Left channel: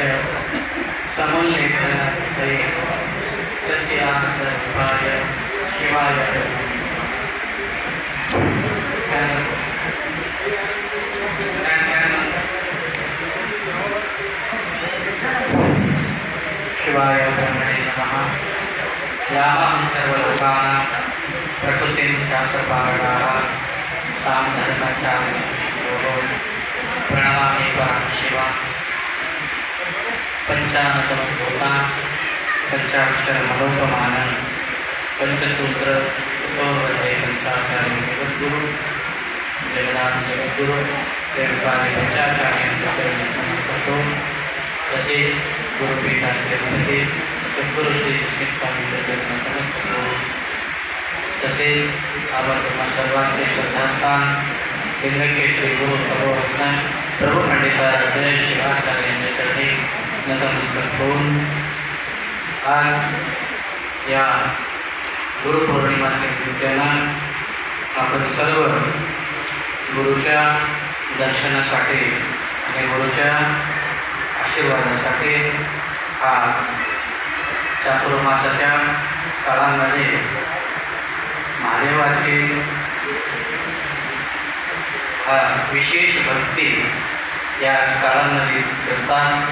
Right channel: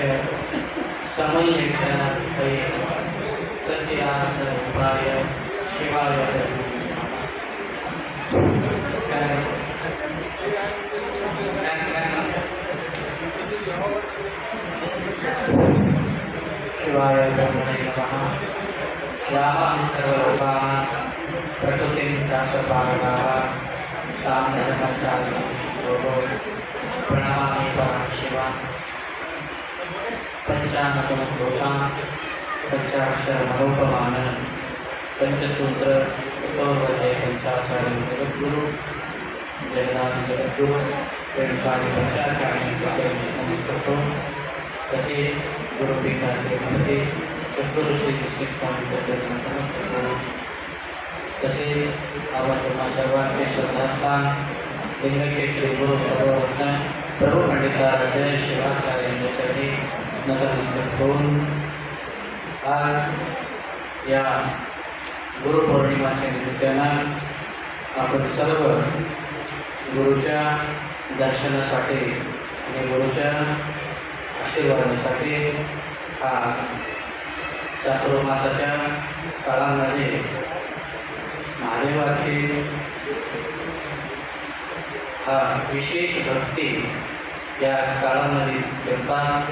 सत्य समोल्लेखनते शिवाय शिवाय ब्रह्मणे नमः यामं सर्वलोकानां प्रकृतिं शास्त्रपारणाः तां धर्माचार्यं प्रणमामि परं शिवा पञ्चानतमभूतान् पञ्चाक्षरमनोपमानं पञ्चसूत्र ततोर्वदे पंचाचार्य जगद्गुरु जगन्नाथ जगद्गुरु रेणुकादि पंचाचार्यांच्या चरणी नमस्कारतो तसेच गुरुपीठाचे अधिपती सद्गुरु श्री कृष्ण स्वामी चरणी नमस्कारतो तसेच आपण तुम्हा सर्वांचे श्रद्धास्थान गुरु प्रभुरत्न प्रभू पंडिताराध्य शिवाचार्य यांच्या चरणी नतमस्तक होऊन आज या गुरुपौर्णिमाच्या निमित्तानं आपण सर्व गुरुच्या दर्शनासाठी आणि गुरुच्या आशीर्वादासाठी हा चातुर्मासाच्या काळामध्ये महादेवाची हा विशेष भक्ती या काळामध्ये करतात.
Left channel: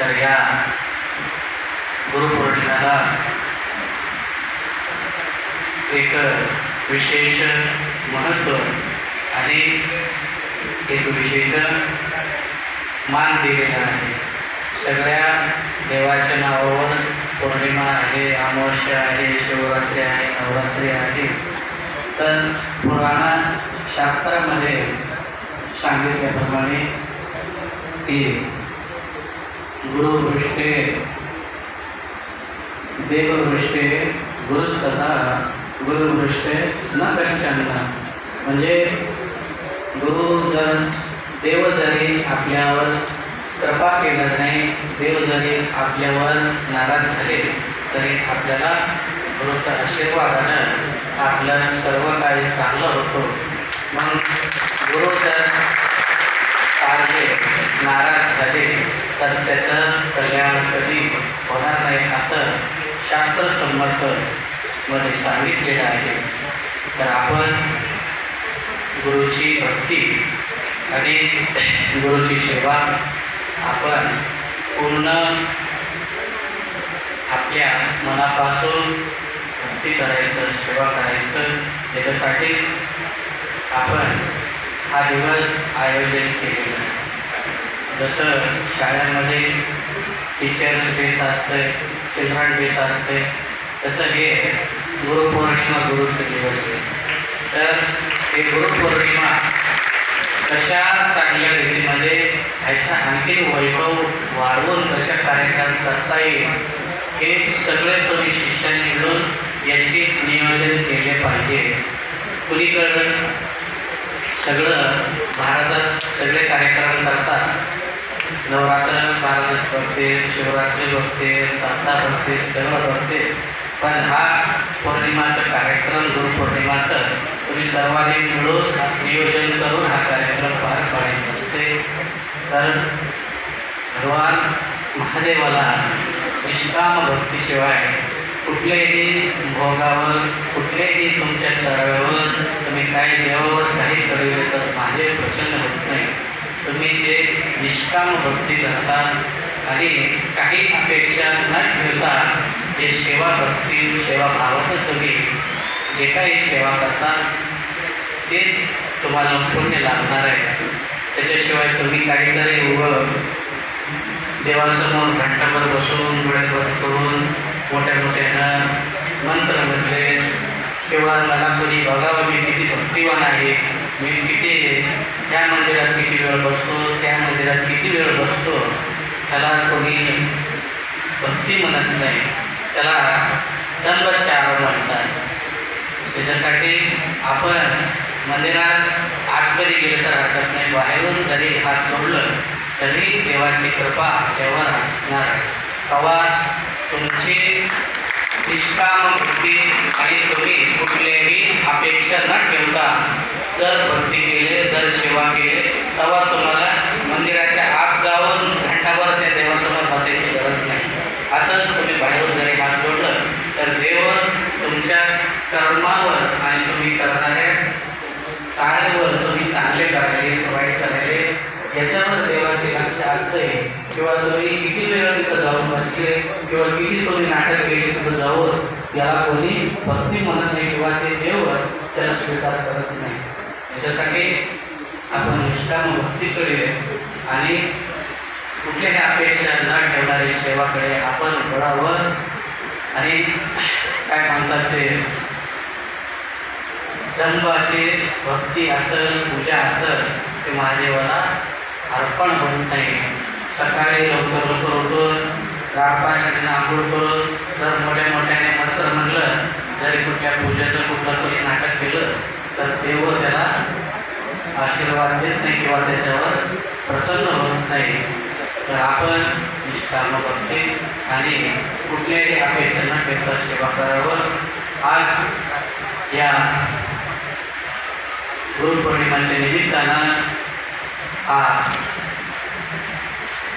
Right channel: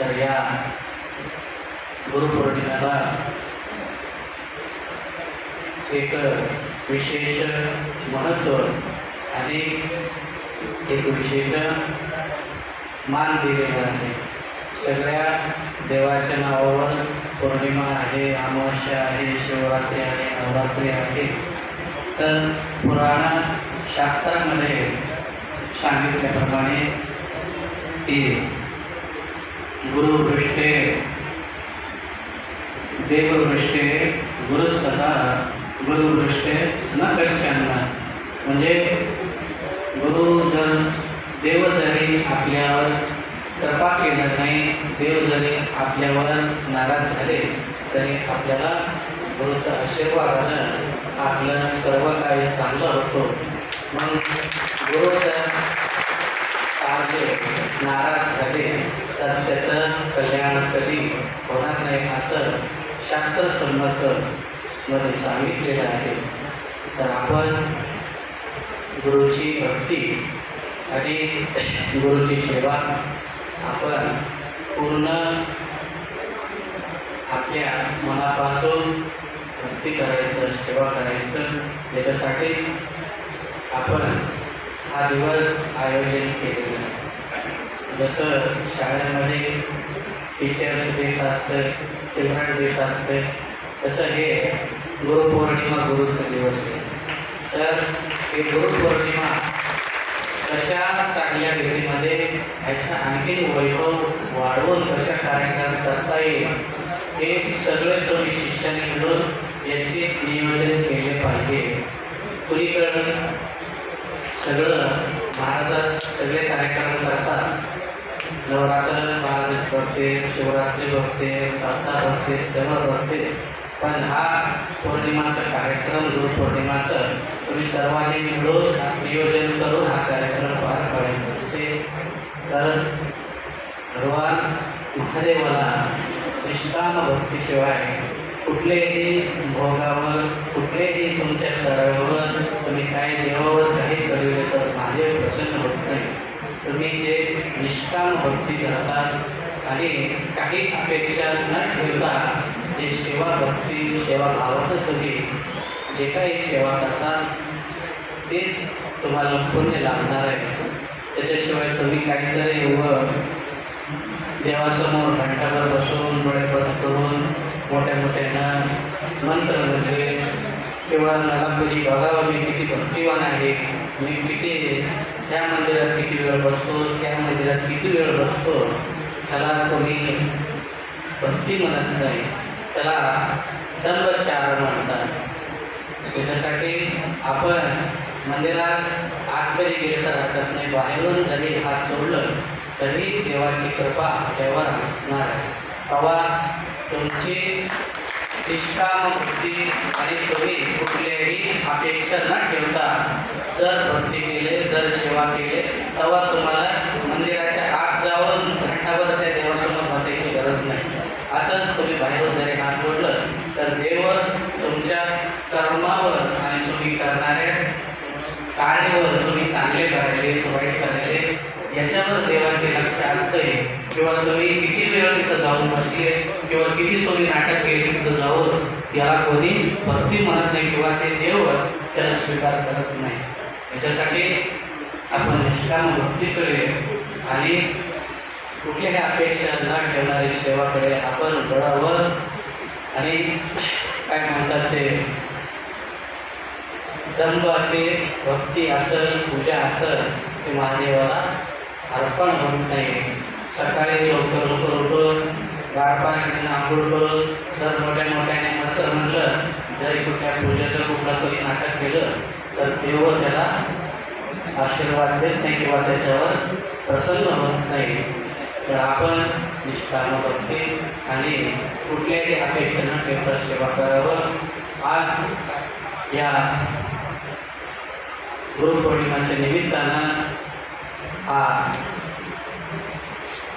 तर या गुरुपौर्णिमेला एक विशेष महत्त्व आणि एक विशेष मान दिलेला आहे. सगळ्या देवाच्या नावावर पौर्णिमा आहे अमावस्या आहे शिवरात्री आहे नवरात्री आहे. तर पुराण शास्त्रामध्ये सांगितल्याप्रमाणे की गुरुवृष्टे देववृष्टे गुरुस्तथा गुरुवृष्टे न कश्चन. म्हणजे गुरु जर देव जरी आपल्यावर कृपा केला नाही देव जरी आपल्यावर नाराज झाले तरी आपल्याला गुरुच्या आशीर्वादानं आपल्याला सर्व काही चांगलं होतं. म्हणून गुरु तर कार्य नाराज झाले तर त्याचं कल्याण कधी होणार नाही असं शास्त्रसंमत मध्ये सांगितलेलं आहे. तर आपण गुरुची भक्ती आणि गुरुची सेवा आपण पूर्ण आपल्या मनापासून भक्ती करायचं सेवा करायचं त्याच्यासाठीच आपण हा दिवस आयोजन केलेलं आहे. जसं शाळांमध्ये टीचर्स डेस असते चिल्ड्रन डेस असते तसं हे गुरुपौर्णिमा गुरुचे दिवस आहे. तर हे गुरुपौर्णिमा कशा चांगल्या रीतीमध्ये ह्याचा आणखी वैभव वाढवून कशा कार्यक्रम करता येईल हे सगळे तुम्ही शिक्षण मिळून याचे नियोजन केले पाहिजे. कुणीकडं सगळं महाराजात सगळे कार्यक्रम करतात. नवरात्र महाराज बघते शिवरात्री बघते सप्ताह बघते सगळं बघते पण हा पौर्णिमाचा कार्यक्रम गुरुपौर्णिमाचं तुम्ही सर्वांनी मिळून नियोजन करून हा कार्यक्रम पार पाडायचा असते. तर भगवान महादेवाला निष्काम भक्तीशिवाय कुठल्याही भोगावर कुठल्याही तुमच्या चढाव्यावर तुम्ही काही देवावर काही चढविले तर महादेव प्रसन्न होत नाही. तुम्ही जे निष्काम भक्ती करतात आणि काही अपेक्षा न ठेवता जे सेवा भक्ती सेवा भावातच तुम्ही जे काही सेवा करतात तेच तुम्हाला पुण्य लागणार आहे. त्याच्याशिवाय तुम्ही काहीतरी उभं देवासमोर घंटाभर बसून डोळे करून मोठ्या मोठ्यानं मंत्र म्हटले किंवा मला कोणी बघावं मी किती भक्तिवान आहे. मी किती त्या मंदिरात किती वेळ बसतो त्या मंदिरात किती वेळ बसतो. त्याला कोणी भक्ती म्हणत नाही. त्याला दंबचार म्हणतात. त्याच्यासाठी आपण मंदिरात आतमध्ये गेलं तर हरकत नाही बाहेरून जरी हात सोडलं तरी देवाची कृपा आपल्यावर असणार आहे तेव्हा तुमची निष्काम भक्ती आणि तुम्ही कुठल्याही अपेक्षा न ठेवता जर भक्ती केले जर सेवा केले तेव्हा तुम्हाला मंदिराच्या आत जाऊन घंटाभर असंच तुम्ही बाहेरून जरी हात जोडलं तर देव तुमच्या कर्मावर आणि तुम्ही करणाऱ्या कार्यावर तुम्ही चांगले करायले वाईट करायले याच्यावर देवाचे लक्ष असतंय. किंवा तुम्ही किती वेळ तिथं जाऊन बसले किंवा किती तुम्ही नाटक केले तिथं जाऊन याला कोणी भक्ती म्हणत नाही किंवा ते देव त्याला स्वीकार करत नाही. याच्यासाठी आपण निष्काम करूया. आणि कुठल्याही अपेक्षा न ठेवणारी सेवाकडे आपण वळावं. आणि काय म्हणतात ते? दंबाची भक्ती असल पूजा असल ते महादेवाला अर्पण होत नाही. सकाळी लवकर लवकर उठून गाळपाण्याने आंघोळ करून जर मोठ्या मोठ्याने नंतर म्हटलं जरी कुठल्या पूजेचं कुठलं तरी नाटक केलं तर देव त्याला आशीर्वाद देत नाही किंवा त्याच्यावर प्रसन्न होत नाही. तर आपण निष्काम बघते आणि कुठल्याही अपेक्षा न ठेवता सेवा करावं. आज या गुरुपौर्णिमाच्या निमित्तानं हा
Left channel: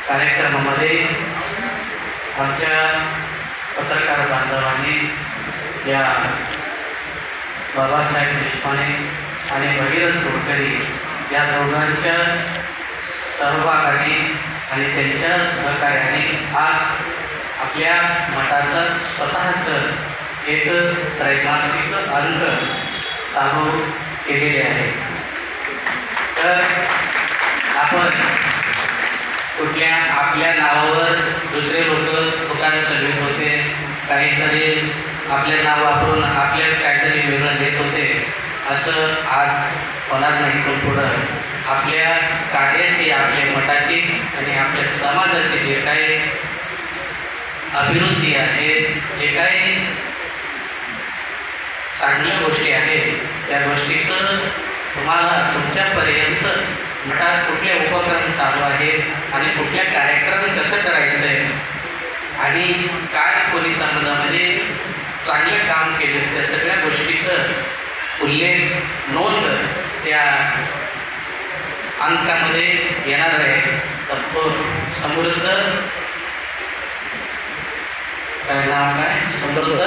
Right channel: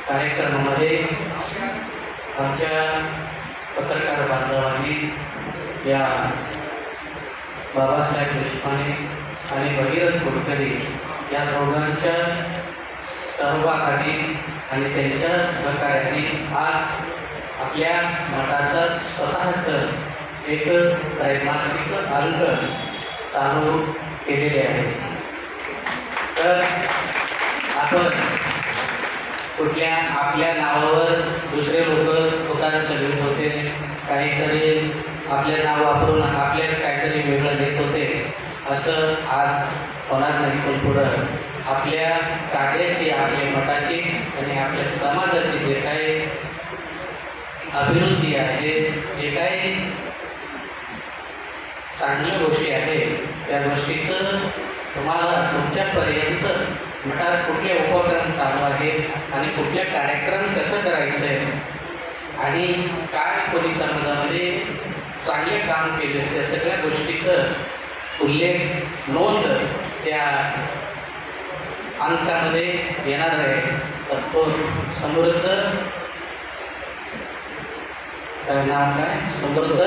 कार्यक्रमामध्ये आमच्या पत्रकार बांधवांनी या बाबासाहेब देशपांडे आणि भगीरथ कुलकर्णी या दोघांच्या सहभागाने आणि त्यांच्या सहकार्याने आज आपल्या मठाचं स्वतःचं एक त्रैमासिक अंक चालू केलेले आहे. तर आपण कुठल्या आपल्या नावावर दुसरे लोक दुकान चढवित होते. काहीतरी आपले नाव वापरून आपल्याच काहीतरी वेगळं देत होते. असं आज होणार नाही पण पुढं आपल्या कार्याची आपल्या मठाची आणि आपल्या समाजाची जे काही अभिवृद्धी आहे जे काही चांगल्या गोष्टी आहेत त्या गोष्टीचं तुम्हाला तुमच्यापर्यंत मठात कुठले उपक्रम चालू आहेत आणि कुठले कार्यक्रम कसं करायचं आहे आणि काय कोणी समाजामध्ये म्हणजे चांगले काम केले त्या सगळ्या गोष्टीचं उल्लेख नोंद त्या अंकामध्ये येणार आहे. तर तो समृद्ध काय नाव काय? समृद्ध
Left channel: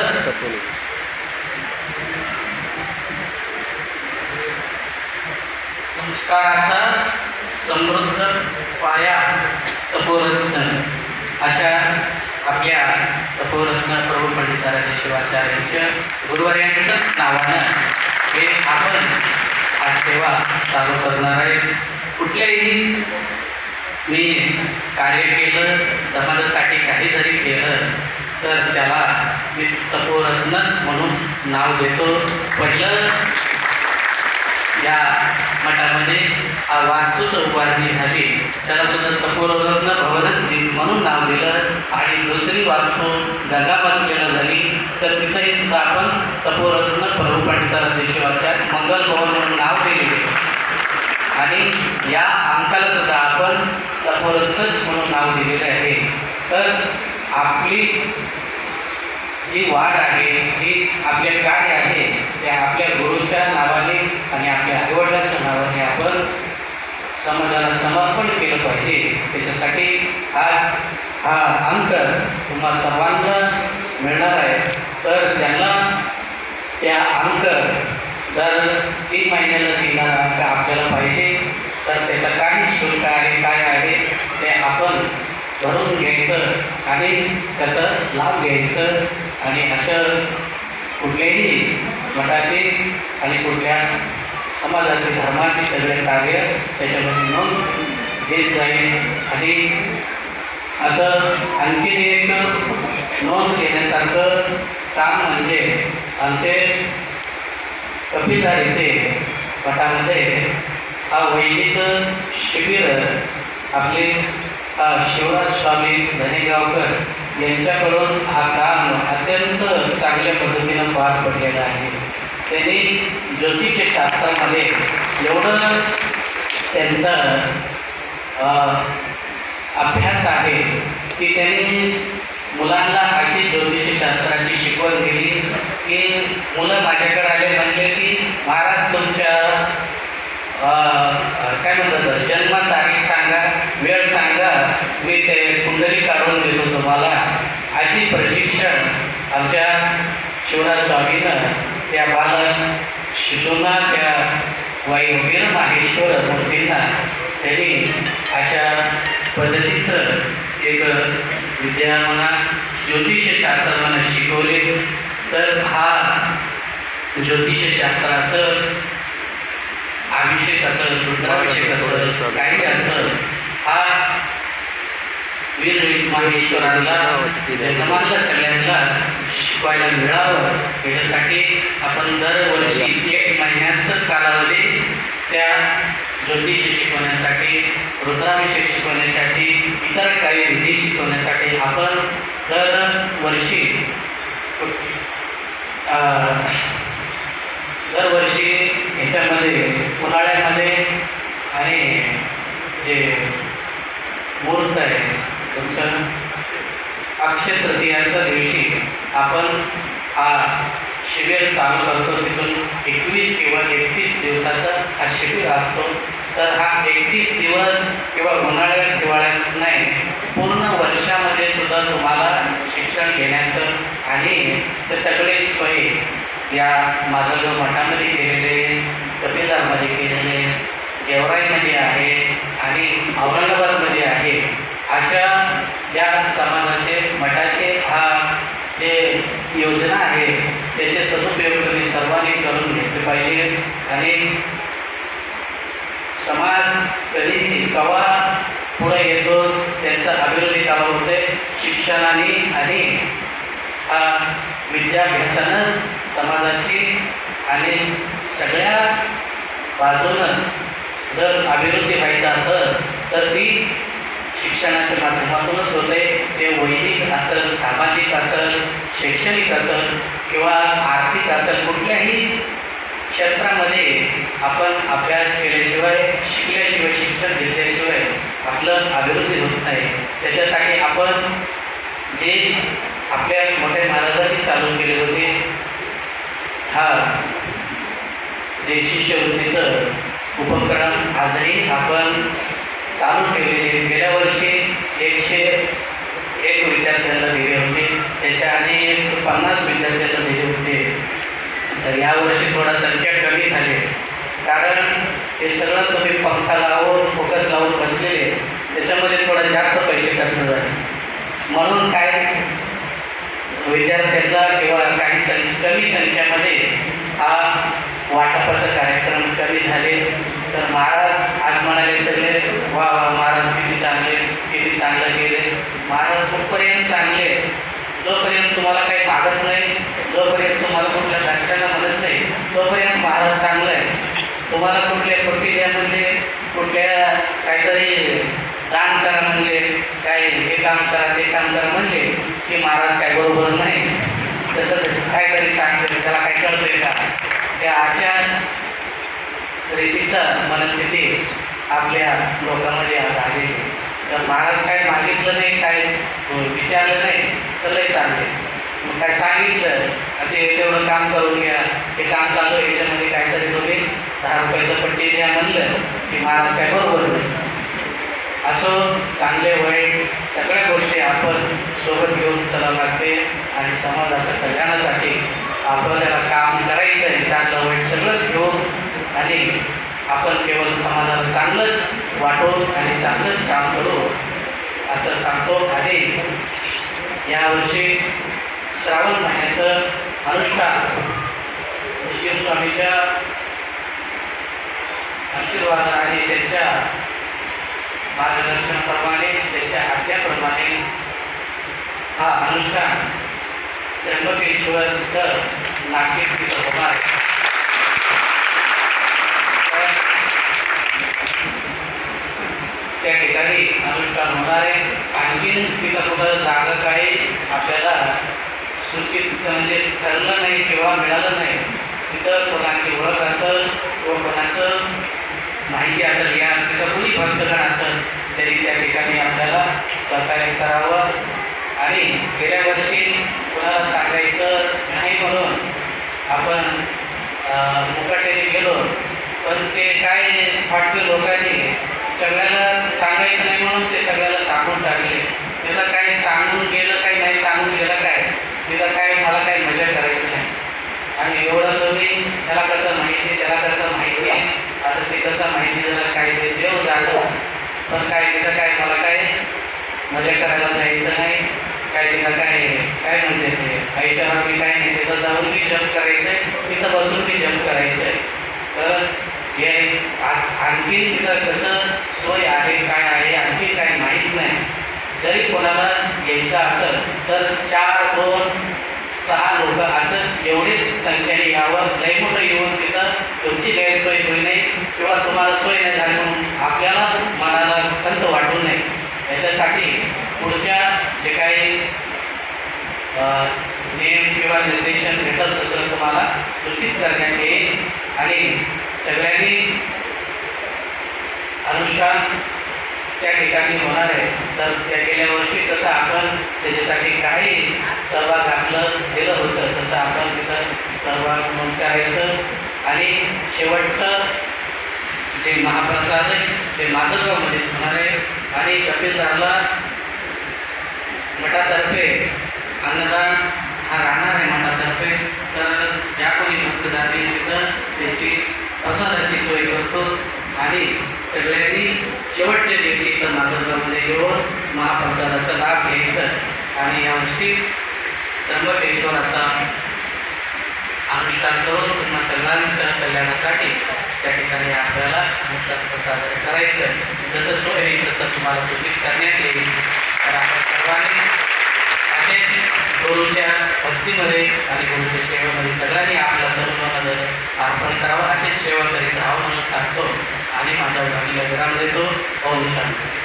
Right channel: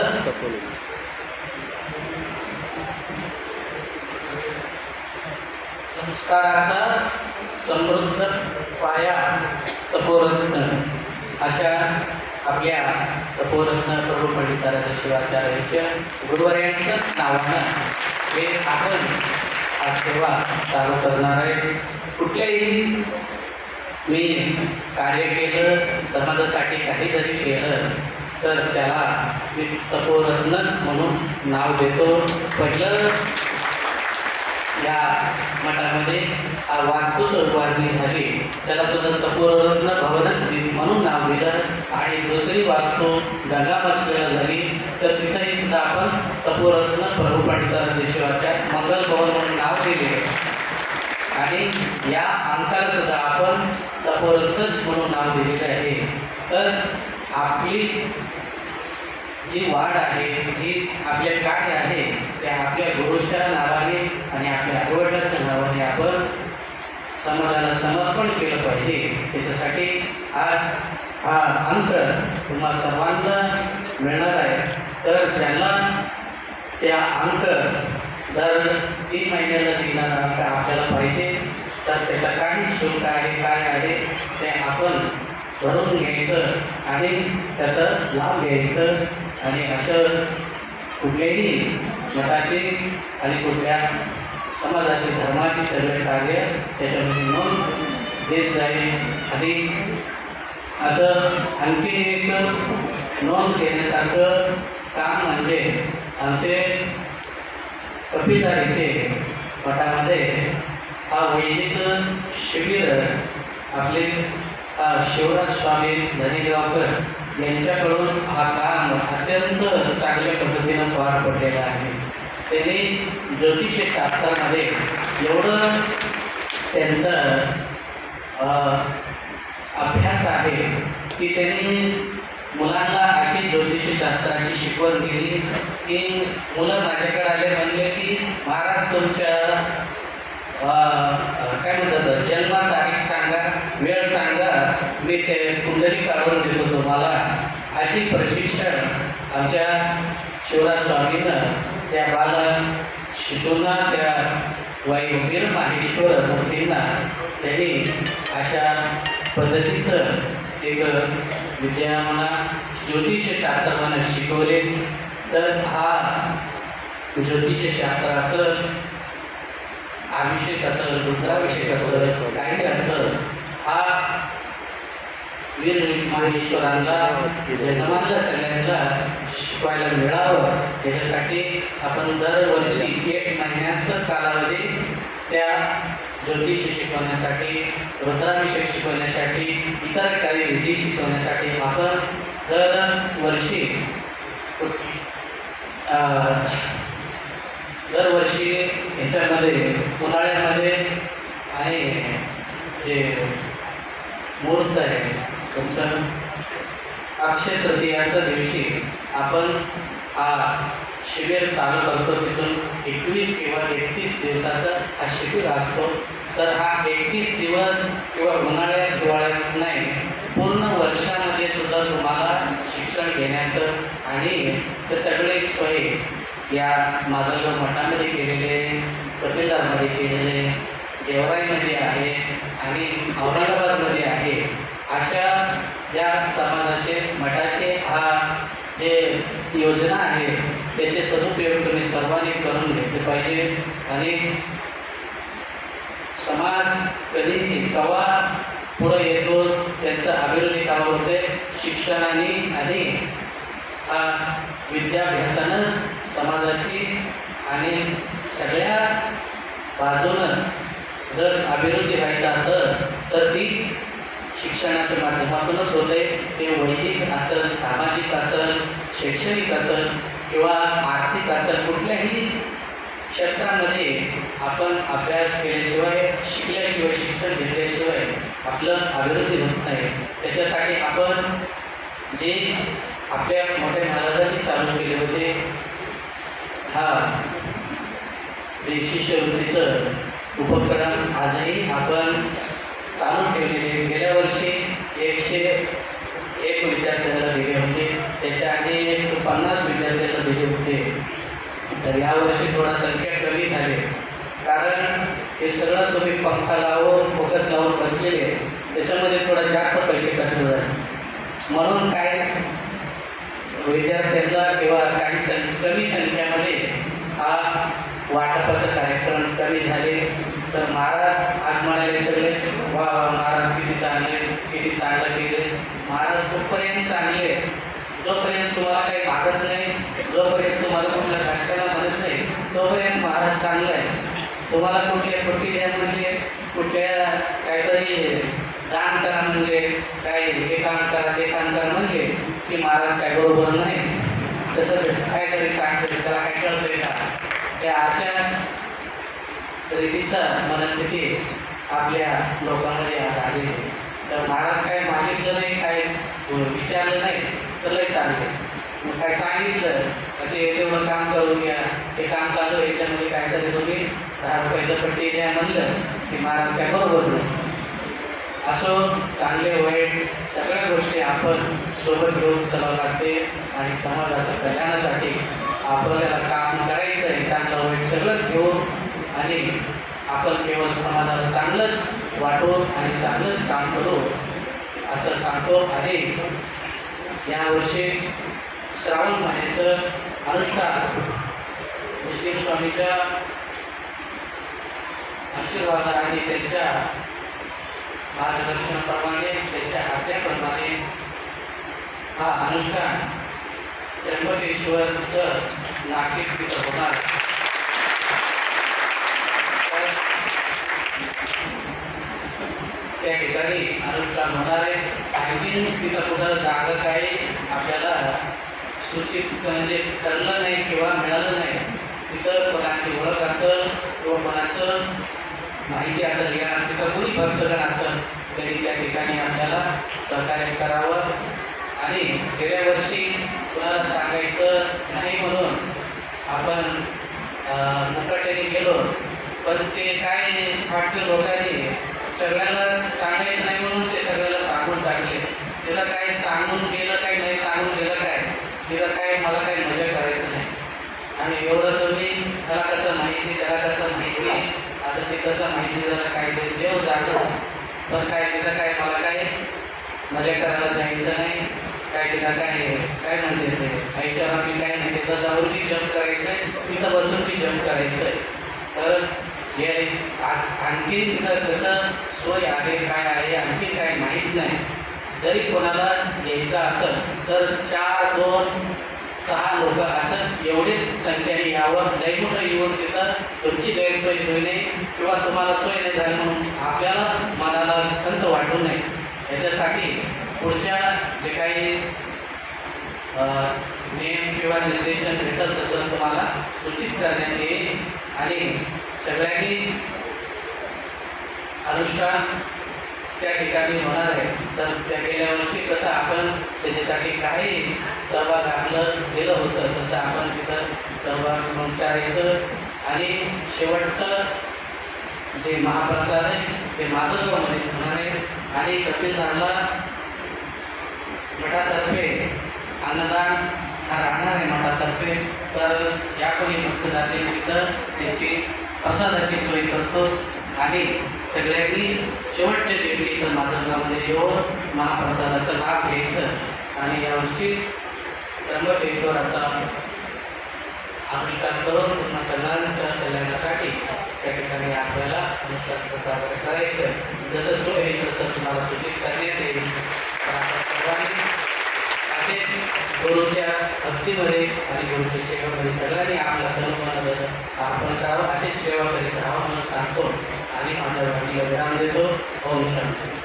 संस्काराचा समृद्ध पाया तपोरत्न. अशा आपल्या तपोरत्न प्रभू पंडिताराजे शिवाचार्यांच्या गुरुवार्यांचं नावानं हे आपण आज सेवा चालू करणार आहे. कुठल्याही मी कार्य केलं समाजासाठी काही जरी केलं तर त्याला मी तपोरत्नच म्हणून नाव देतो. पहिलं या मठामध्ये वास्तू वास्तूचं झाली. त्याला सुद्धा तपोरत्न भवनच म्हणून नाव दिलं. आणि दुसरी वास्तू गंगापासलेला झाली. तर तिथंही सुद्धा आपण तपोरत्न प्रभू पंडिताराज देशवाच्या मंगल भवन म्हणून नाव दिलेले आणि या अंकाला सुद्धा आपण तपोरत्नच म्हणून नाव दिलेलं आहे. तर आपली जी वाढ आहे जी आपले कार्य आहे ते आपल्या गुरुच्या नावाने आणि आपल्या आईवडिलांच्या नावाने आपण समाजाला समर्पण केलं पाहिजे. त्याच्यासाठी आज हा अंक तुम्हा सर्वांना मिळणार आहे. तर ज्यांना त्या अंक दर तीन महिन्याला देणारा अंक आपल्याला पाहिजे तर त्याचा काही शुल्क आहे काय आहे ते आपण भरून घ्यायचं आणि त्याचा लाभ घ्यायचं. आणि असं कुठल्याही मठाचे आणि कुठल्या समाजाचे धर्माचे सगळे कार्य त्याच्यामध्ये नोंद घेत जाईल. आणि असं आणखीन एक नोंद घेण्यासारखं काम म्हणजे आमचे कपिधार येथे मठामध्ये हा वैदिक शिबिर आपले शिवराज स्वामी धनेगावकर यांच्याकडून हा काम अत्यंत चांगल्या पद्धतीनं पार पडलेला आहे. त्यांनी ज्योतिषशास्त्रामध्ये एवढं त्यांचा अभ्यास आहे की त्यांनी मुलांना अशी ज्योतिषशास्त्राची शिकवण दिली की मुलं माझ्याकडे आले म्हणले की महाराज तुमच्या काय म्हणतात जन्म तारीख सांगा वेळ सांगा मी ते कुंडली काढून देतो तुम्हाला. अशी प्रशिक्षण आमच्या शिवराज स्वामीनं त्या बाल शिशूंना त्या वायुवीर माहेश्वर मूर्तींना त्यांनी अशा पद्धतीचं एक विद्या म्हणा ज्योतिषशास्त्र म्हणा शिकवले. तर हा ज्योतिषशास्त्र असं अभिषेक असेल रुद्राभिषेक असेल काही असेल. हा वीर माहेश्वरांना जन्मातल्या सगळ्यांना शिकवायला मिळावं. याच्यासाठी आपण दरवर्षी एक महिन्याचं कालावधी त्या ज्योतिष शिकवण्यासाठी रुद्राभिषेक शिकवण्यासाठी इतर काही विधी शिकवण्यासाठी आपण दरवर्षी दरवर्षी ह्याच्यामध्ये उन्हाळ्यामध्ये आणि जे मुहूर्त आहे तुमच्या अक्षय तृतीयाच्या दिवशी आपण हा शिबिर चालू करतो. तिथून एकवीस किंवा एकतीस दिवसाचा हा शिबिर असतो. तर हा एकतीस दिवस किंवा उन्हाळ्यात हिवाळ्यात नाही पूर्ण वर्षामध्ये सुद्धा तुम्हाला शिक्षण घेण्याचं आणि ते सगळे सोयी या माजलगाव मठामध्ये केलेले कपिलदारमध्ये केलेले गेवराईमध्ये आहे आणि औरंगाबादमध्ये आहे अशा या समाजाचे मठाचे हा जे योजना आहे त्याचे सदुपयोग तुम्ही सर्वांनी करून घेतले पाहिजे. आणि समाज कधी कवा पुढे येतो त्यांचा अभिवृद्धी कवा होते शिक्षणाने आणि हा विद्याभ्यासानंच समाजाची आणि सगळ्या बाजूनं जर अभिवृद्धी व्हायचं असेल तर ती शिक्षणाच्या माध्यमातूनच होते. ते वैदिक असेल सामाजिक असेल शैक्षणिक असेल किंवा आर्थिक असेल कुठल्याही क्षेत्रामध्ये आपण अभ्यास केल्याशिवाय शिकल्याशिवाय शिक्षण घेतल्याशिवाय आपलं अभिवृद्धी होत नाही. त्याच्यासाठी आपण जे आपल्या मोठ्या महाराजांनी चालू केले होते हा जे शिष्यवृत्तीचं उपक्रम आजही आपण चालू ठेवलेले गेल्या वर्षी एकशे एक विद्यार्थ्यांना दिले होते. त्याच्या आधी एक पन्नास विद्यार्थ्यांना दिले होते. तर यावर्षी थोडा संख्या कमी झाली कारण हे सगळं तुम्ही पंखा लावून फोकस लावून बसलेले त्याच्यामध्ये थोडा जास्त पैसे खर्च झाले. म्हणून काय विद्यार्थ्यांना किंवा काही सं कमी संख्येमध्ये हा वाटपाचा कार्यक्रम कमी झाले. तर महाराज आज म्हणाले सगळे वा वा महाराज किती चांगले किती चांगलं केले. महाराज कुठपर्यंत चांगले जोपर्यंत तुम्हाला काही मागत नाही जोपर्यंत तुम्हाला कुठल्या राष्ट्राला म्हणत नाही तोपर्यंत महाराज चांगलं आहे तुम्हाला कुठले पट्टी द्या म्हणजे कुठल्या काहीतरी दान करा म्हणले काय हे काम करा ते काम करा म्हणले की महाराज काय बरोबर नाही. तसं काय तरी सांगते त्याला काय कळतंय का? त्या अशा रीतीचा मनस्थिती आपल्या लोकांमध्ये आज आलेली तर महाराज काय मागितलं नाही काय विचारलं नाही तर लय चालते मग काय सांगितलं ते तेवढं काम करून घ्या हे काम चालू याच्यामध्ये काहीतरी तुम्ही दहा रुपयाचं पट्टी द्या म्हणलं की महाराज काय बरोबर नाही. असो चांगले वाईट सगळ्या गोष्टी आपण सोबत घेऊन चलावं लागते आणि समाजाच्या कल्याणासाठी आपल्याला काम करायचं आहे. चांगलं वाईट सगळंच घेऊन आणि आपण केवळ समाजाला चांगलंच वाटू आणि चांगलंच काम करू असं सांगतो. आणि यावर्षी श्रावण महिन्याचं अनुष्ठान स्वामीच्या आशीर्वाद आणि त्यांच्या मार्गदर्शनाप्रमाणे त्यांच्या आज्ञाप्रमाणे हा अनुष्ठान त्र्यंबकेश्वर तर नाशिक तिथं होणार आहे. त्या ठिकाणी अनुष्ठान होणार आहे आणखीन तिथं कुठं जागा काही आपल्याला सूचित म्हणजे ठरलं नाही किंवा मिळालं नाही तिथं कोणाची ओळख असेल किंवा कोणाचं माहिती असेल या तिथं कोणी भक्तगण असेल तरी त्या ठिकाणी आपल्याला सहकार्य करावं. आणि गेल्या वर्षी कोणाला सांगायचं नाही म्हणून आपण मुकाट्याने गेलो. पण ते काय फाटके लोकांनी सगळ्याला सांगायचं नाही म्हणून ते सगळ्याला सांगून टाकले. त्याला काय सांगून गेलं काय नाही सांगून गेलं काय? त्याला काय मला काय मजा करायची नाही. आणि एवढं तुम्ही त्याला कसं माहिती त्याला कसं माहिती आहे? आता ते कसं माहिती झालं काय ते देव जाणं पण काय तिथं काय मला काय मजा करायला जायचं नाही. काय तिथं काय काय म्हणते ते? आईच्या मी काय नाही. तिथं जाऊन मी जम्प करायचंय. तिथं बसून मी जम्प करायचंय. तर हे आणखी तिथं कसं सोय आहे काय आहे आणखी काय माहीत नाही. जरी कोणाला घ्यायचं असेल तर चार दोन सहा लोक असं एवढीच संख्येने यावं लय मोठं येऊन तिथं तुमची गैरसोय होई नाही किंवा तुम्हाला सोय नाही झाली म्हणून आपल्याला मनाला खंत वाटू नये. याच्यासाठी पुढच्या जे काही नियम किंवा निर्देशन भेटत तसं तुम्हाला सूचित करण्यात येईल. आणि सगळ्यांनी अनुष्ठान त्या ठिकाणी होणार आहे. तर त्या गेल्या वर्षी कसं आपण त्याच्यासाठी काही सहभाग आपलं दिलं होतं तसं आपण तिथं सहभाग म्हणून करायचं. आणि शेवटचं जे महाप्रसाद आहे ते माजलगावमध्येच होणार आहे. आणि कपिलधारला गटातर्फे अन्नदान हा राहणार आहे मठातर्फे. तर ज्या कोणी भक्त जातील तिथं त्याची प्रसादाची सोय करतो. आणि सगळ्यांनी शेवटच्या दिवशी इथं माधवगावमध्ये येऊन महाप्रसादाचा लाभ घ्यायचं. आणि यावर्षी त्र्यंबकेश्वराचा अनुष्ठान करून पुन्हा सगळ्यांच्या कल्याणासाठी त्या ठिकाणी आपल्याला अनुष्ठान साजरे करायचं. जसं सोय आहे तसं तुम्हाला सूचित करण्यात येईल. तर आपण सर्वांनी असेच गुरुच्या भक्तीमध्ये आणि गुरुच्या सेवेमध्ये सगळ्यांनी आपला धर्म अर्पण करावं असेच सेवा करीत राहावं म्हणून सांगतो. आणि माझ्या वडिला विराम देतो ओम शांती